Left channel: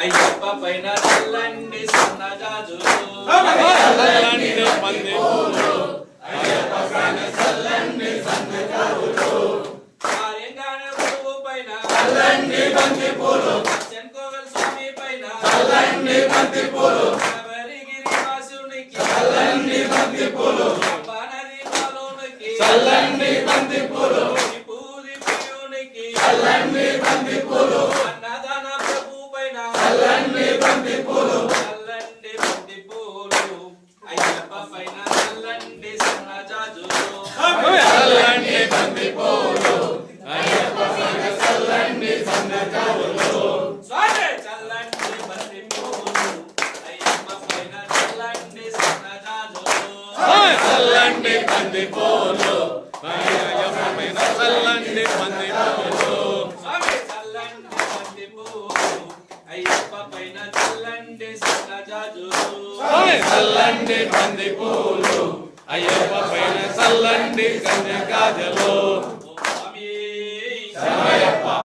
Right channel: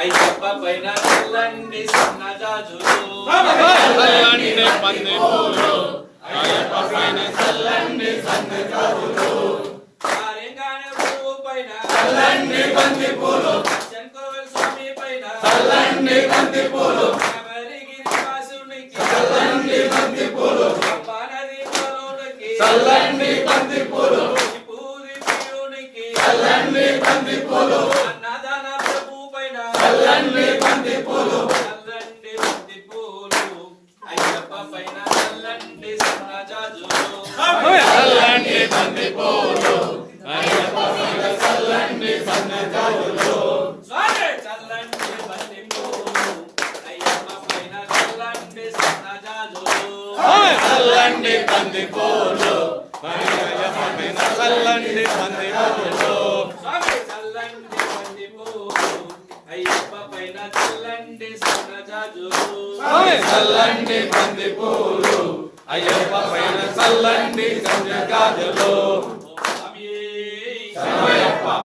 అయ్యప్ప పైన చల్లండి సన్నజాజులు చల్లండి పంది పూలు అయ్యప్ప పైన చల్లండి సన్నజాజులు పైన చల్లండి పంది పూలు చెంకోవల స్వామి పైన చల్లండి పంది పూలు శబరిగిరి వాసునికి చల్లండి పంది పూలు బాణది పాలునికి చల్లండి పంది పూలు పూరి ప్రియునికి చల్లండి పంది పూలు అన్నదాన ప్రభు పైన చల్లండి పంది పూలు చల్లండి బంతి పూలు అయ్యప్ప పైన చల్లండి సన్నజాజులు చల్లండి పంది పూలు అయ్యప్ప పైన చల్లండి పంది పూలు చల్లండి బంతి పూలు అయ్యప్ప పైన చల్లండి సన్నజాజులు చల్లండి పంది పూలు అయ్యప్ప పైన చల్లండి పంది పూలు చల్లండి బంతి పూలు అయ్యప్ప పైన చల్లండి సన్నజాజులు చల్లండి పంది పూలు అయ్యప్ప పైన చల్లండి సన్నజాజులు